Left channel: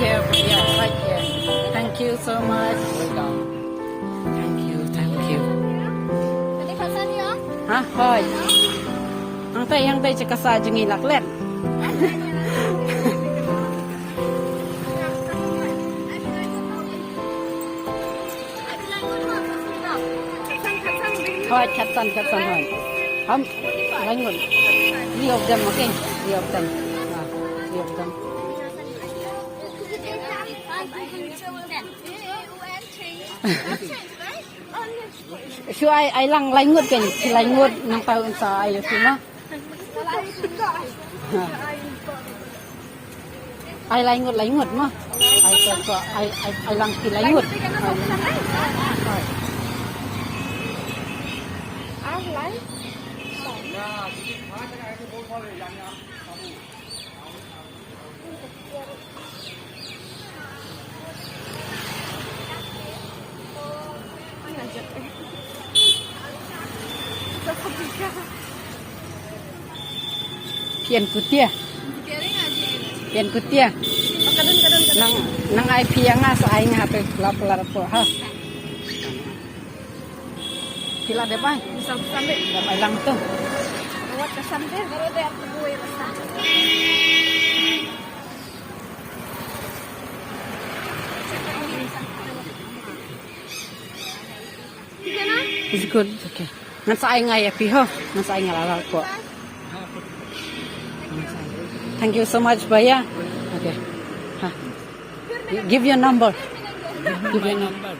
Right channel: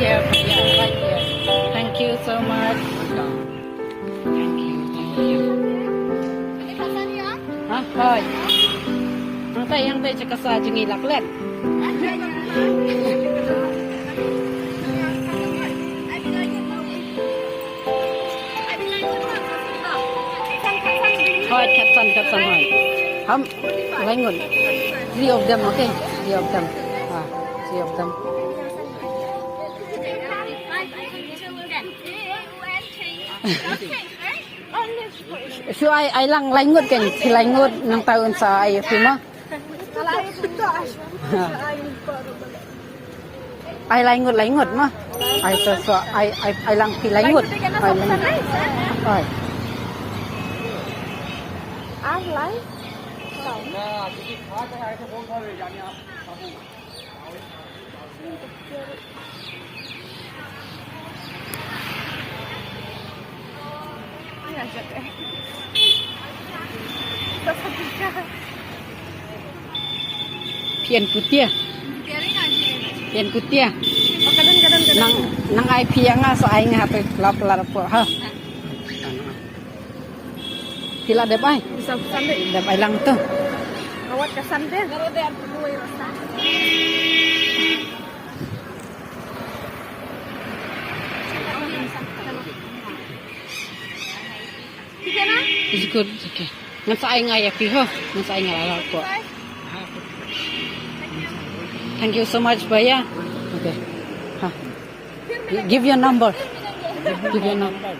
here, yeah, right here. Thank you so much. Thank you, thank you. Hah, thôi. Ang tay cakap saja ngilak len. Thôi, cắt son thôi. Không, lấy nguồn. Three of them, okay? Three of them. Three of them. So I lang langut kan, langut nang tahun sa ayo sino. I langut mah. I lang langut. Rồi. Ai lấy? Pian kutia. Pian kutia. Nang ai pianga so ai nga pe laplar po ha. Sila dep ai. Dep ai lang tu. Awat kesan deh. It's good. Okay. Ngan sa ai nga ya pi ho. Ngan sa ai nga lalal po. Thank you so much, Baya. Okay. Ha. Give your number. Give your number.